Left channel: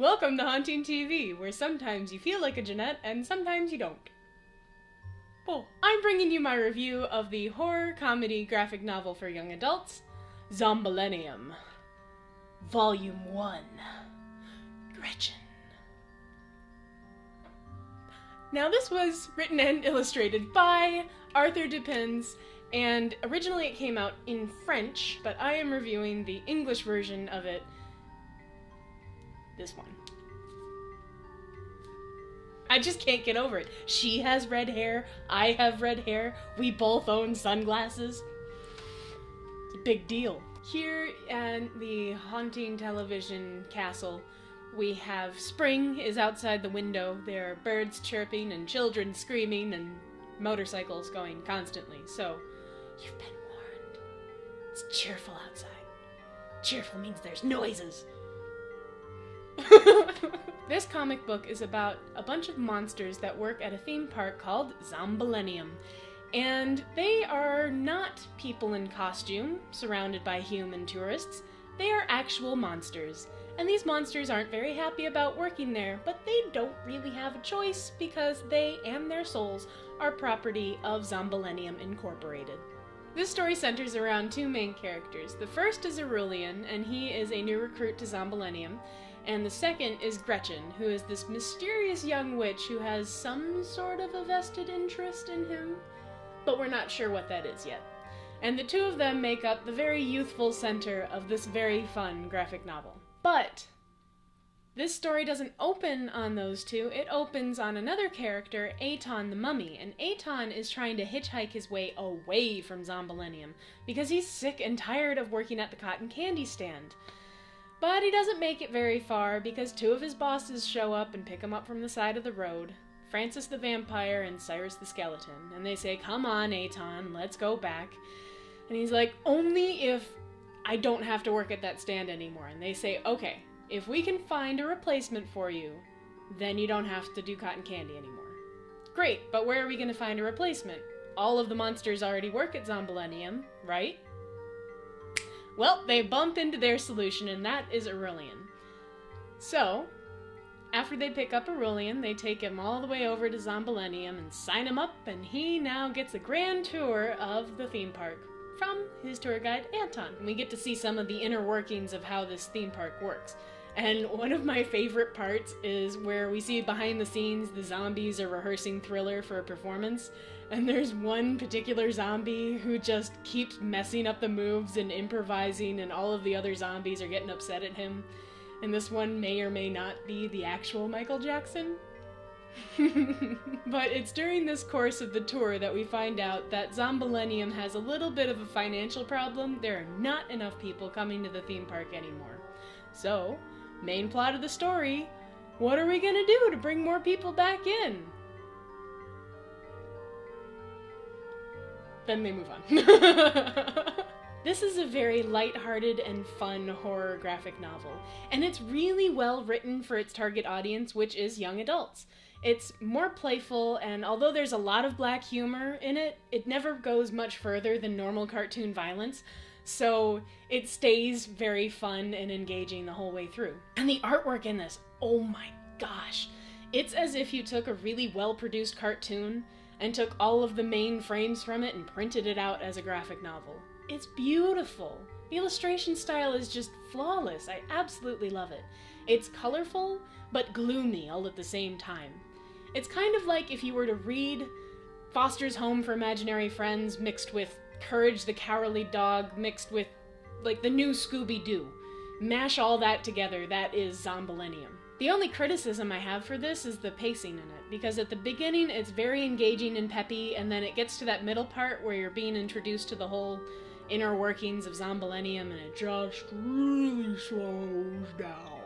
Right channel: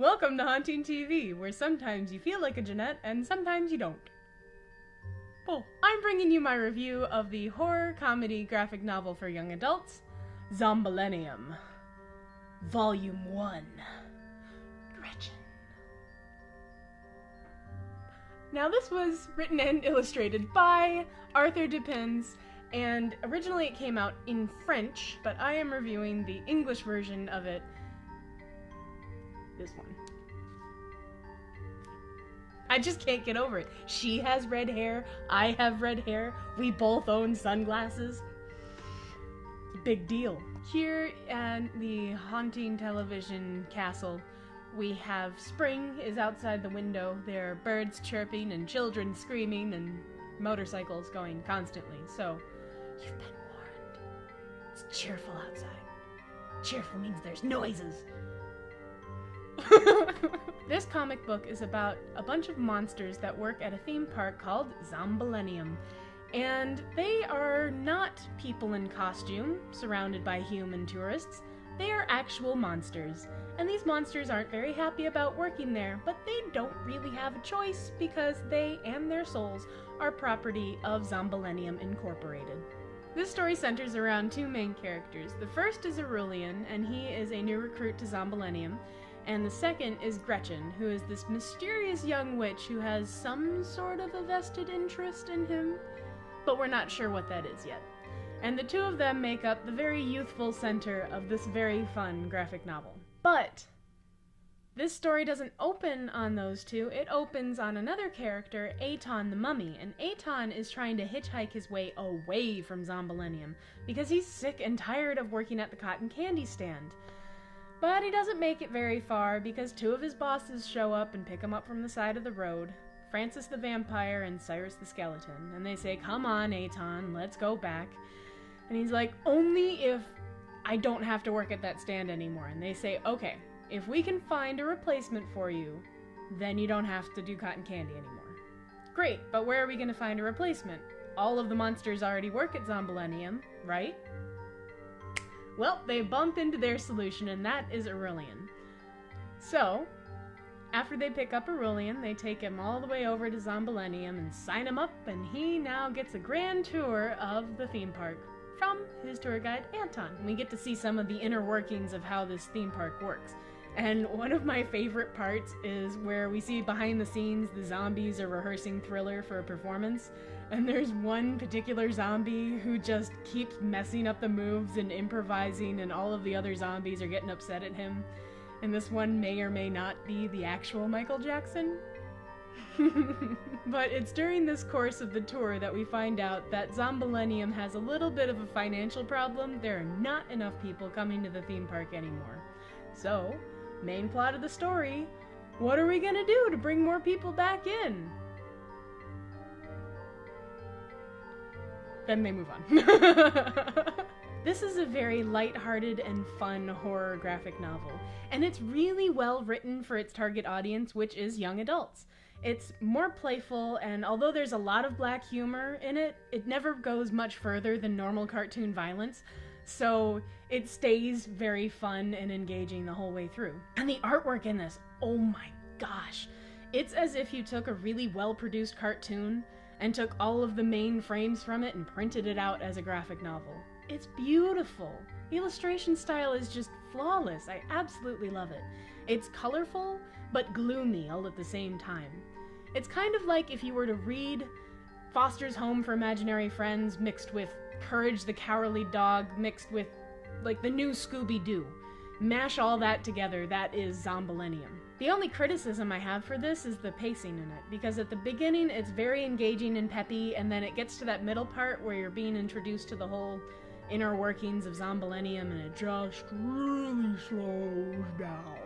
Welcome to Haunting TV, where sometimes you feel like a Jeanette and sometimes you don't. Cool. I'm bringing you my review of the horror comedy graphic novel for young adults, Zombillenium. Volume 1. Gretchen. Now this was written and illustrated by Arthur Depins, and originally it came out in French, but I am reviewing the English version of it. This one. I just can't get over it. She has red hair, I have red hair, we both own sunglasses. Big deal. Here in the haunting television castle, we have spring is outside the window. There are birds chirping and children screaming and motorcycles going constantly. So, you've been warned. It's cheerful outside. Cheerful means there's noises. This comic book is about a bunch of monsters that work at a theme park called Zombillenium. And they are not people in costume, surrounded by human tourists. They are actual monsters. And these monsters aren't very happy about working there, but they don't really have a choice because they and their souls are property of Zombillenium Incorporated. This story centers around two main characters. The first is Aurelian, and he is a new recruit to Zombillenium. And the second is Gretchen, who is this mysterious young witch who has some sort of a vested interest in him, but we're not sure what that is yet. And the two of them make up the very youthful center of this very fun graphic novel. But this story doesn't open on those two, it opens on another character, Aton the mummy, and Aton is trying to hitchhike his way away from Zombillenium because he's sick and tired of working at the cotton candy stand. But he doesn't make it very far because two of his bosses show up and pick him up from the side of the road, Francis the vampire and Cyrus the skeleton, and they say, "Come on, Aton, let's go back." And he's like, "Only if I don't have to work at that stand anymore." And they say, "Okay, if we can find a replacement for you, then you don't have to do cotton candy anymore." Great, but where are we going to find a replacement? All of the monsters already work at Zombillenium, right? Well, they bump into their solution, and that is Aurelian. So, after they pick up Aurelian, they take him all the way over to Zombillenium and sign him up, and he now gets a grand tour of the theme park from his tour guide, Aton. We get to see some of the inner workings of how this theme park works. And one of my favorite parts is where we see behind the scenes the zombies are rehearsing Thriller for a performance, and there's one particular zombie who just keeps messing up the moves and improvising, and all of the other zombies are getting upset at him. And this one may or may not be the actual Michael Jackson. But it's during this course of the tour that we find out that Zombillenium has a little bit of a financial problem. There are not enough people coming to the theme park anymore. So, main plot of the story, what are we gonna do to bring more people back in? Then they move on. This is a very lighthearted and fun horror graphic novel, and it's really well written for its target audience, which is young adults. It's more playful, and although there's a lot of black humor in it, it never goes much further than normal cartoon violence, so it stays very fun and engaging the whole way through. And the artwork in this, oh my gosh! It's as if you took a really well-produced cartoon and took all of the main frames from it and printed it out as a graphic novel. It's beautiful. The illustration style is just flawless. I absolutely love it. It's colorful, but gloomy all at the same time. It's kind of like if you were to read Foster's Home for Imaginary Friends mixed with Courage the Cowardly Dog mixed with, like, the new Scooby-Doo. Mash all that together, that is Zombillenium. The only criticism I have for this is the pacing in it, because at the beginning it's very engaging and peppy, and then it gets to that middle part where you're being introduced to the whole inner workings of Zombillenium, and it just really slows down.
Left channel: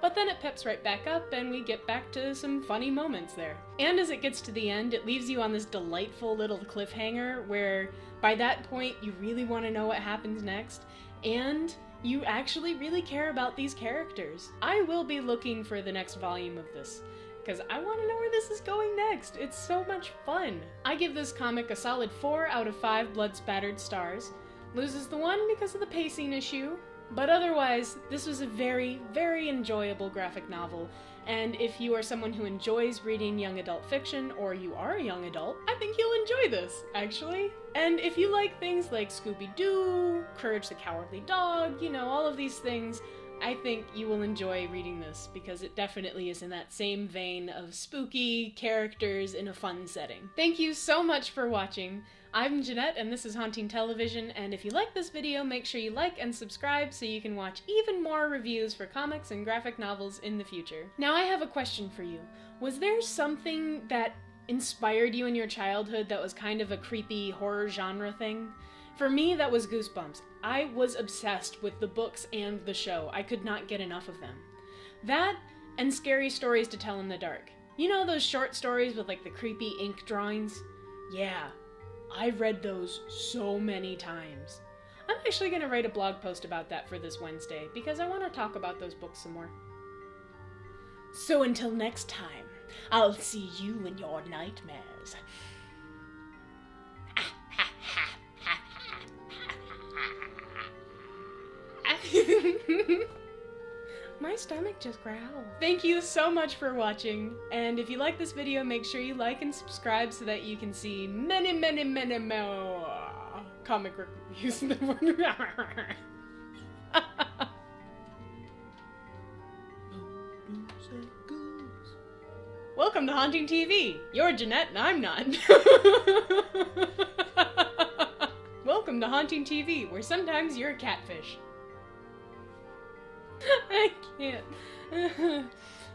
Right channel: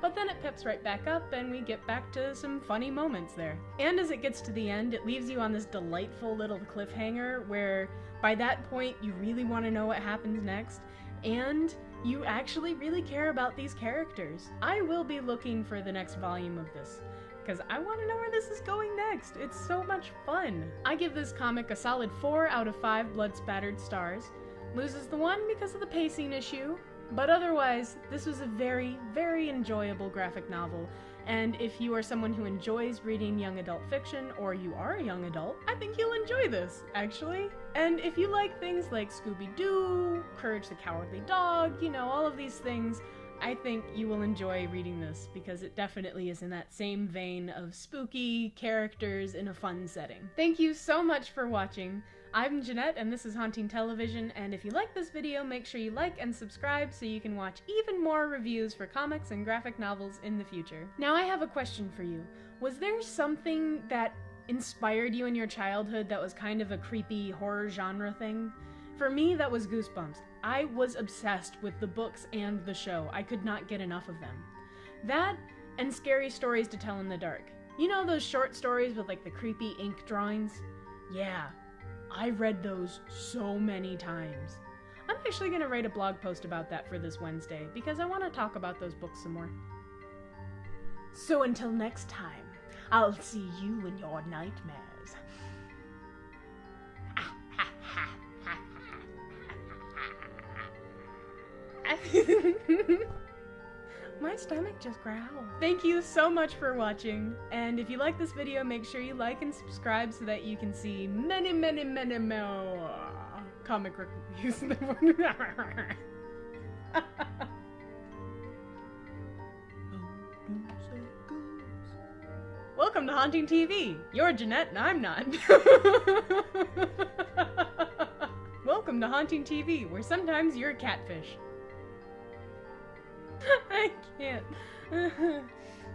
But then it peps right back up, and we get back to some funny moments there. And as it gets to the end, it leaves you on this delightful little cliffhanger where by that point you really want to know what happens next, and you actually really care about these characters. I will be looking for the next volume of this, because I want to know where this is going next. It's so much fun. I give this comic a solid 4 out of 5 blood-spattered stars. Loses the 1 because of the pacing issue, But otherwise, this was a very, very enjoyable graphic novel. And if you are someone who enjoys reading young adult fiction, or you are a young adult, I think you'll enjoy this, actually. And if you like things like Scooby-Doo, Courage the Cowardly Dog, you know, all of these things, I think you will enjoy reading this because it definitely is in that same vein of spooky characters in a fun setting. Thank you so much for watching. I'm Jeanette and this is Haunting Television, and if you like this video, make sure you like and subscribe so you can watch even more reviews for comics and graphic novels in the future. Now I have a question for you. Was there something that inspired you in your childhood that was kind of a creepy horror genre thing? For me, that was Goosebumps. I was obsessed with the books and the show. I could not get enough of them. That and scary stories to tell in the dark. You know those short stories with like the creepy ink drawings? Yeah, I've read those so many times. I'm actually going to write a blog post about that for this Wednesday because I want to talk about those books some more. So until next time, I'll see you in your nightmares. My stomach just growled. Thank you so much for watching, and if you like this video, make sure you like and subscribe so that you can see many, many, many more comic reviews. Welcome to Haunting TV. You're Jeanette and I'm not. Welcome to Haunting TV, where sometimes you're a catfish. I can't.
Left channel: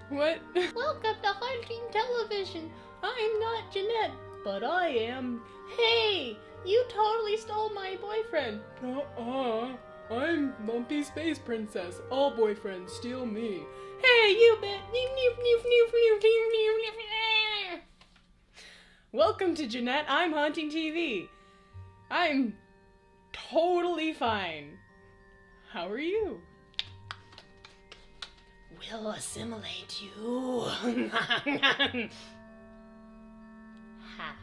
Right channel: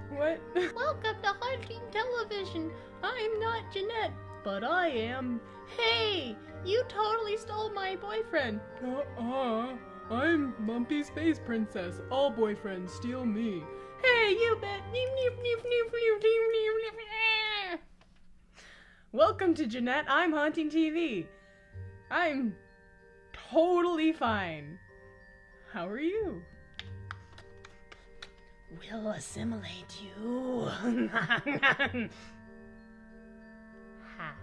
What? Welcome to Haunting Television. I'm not Jeanette, but I am. Hey, you totally stole my boyfriend. I'm Lumpy Space Princess. All boyfriends steal me. Hey, you bet. Welcome to Jeanette. I'm Haunting TV. I'm totally fine. How are you? We'll assimilate you. Ha.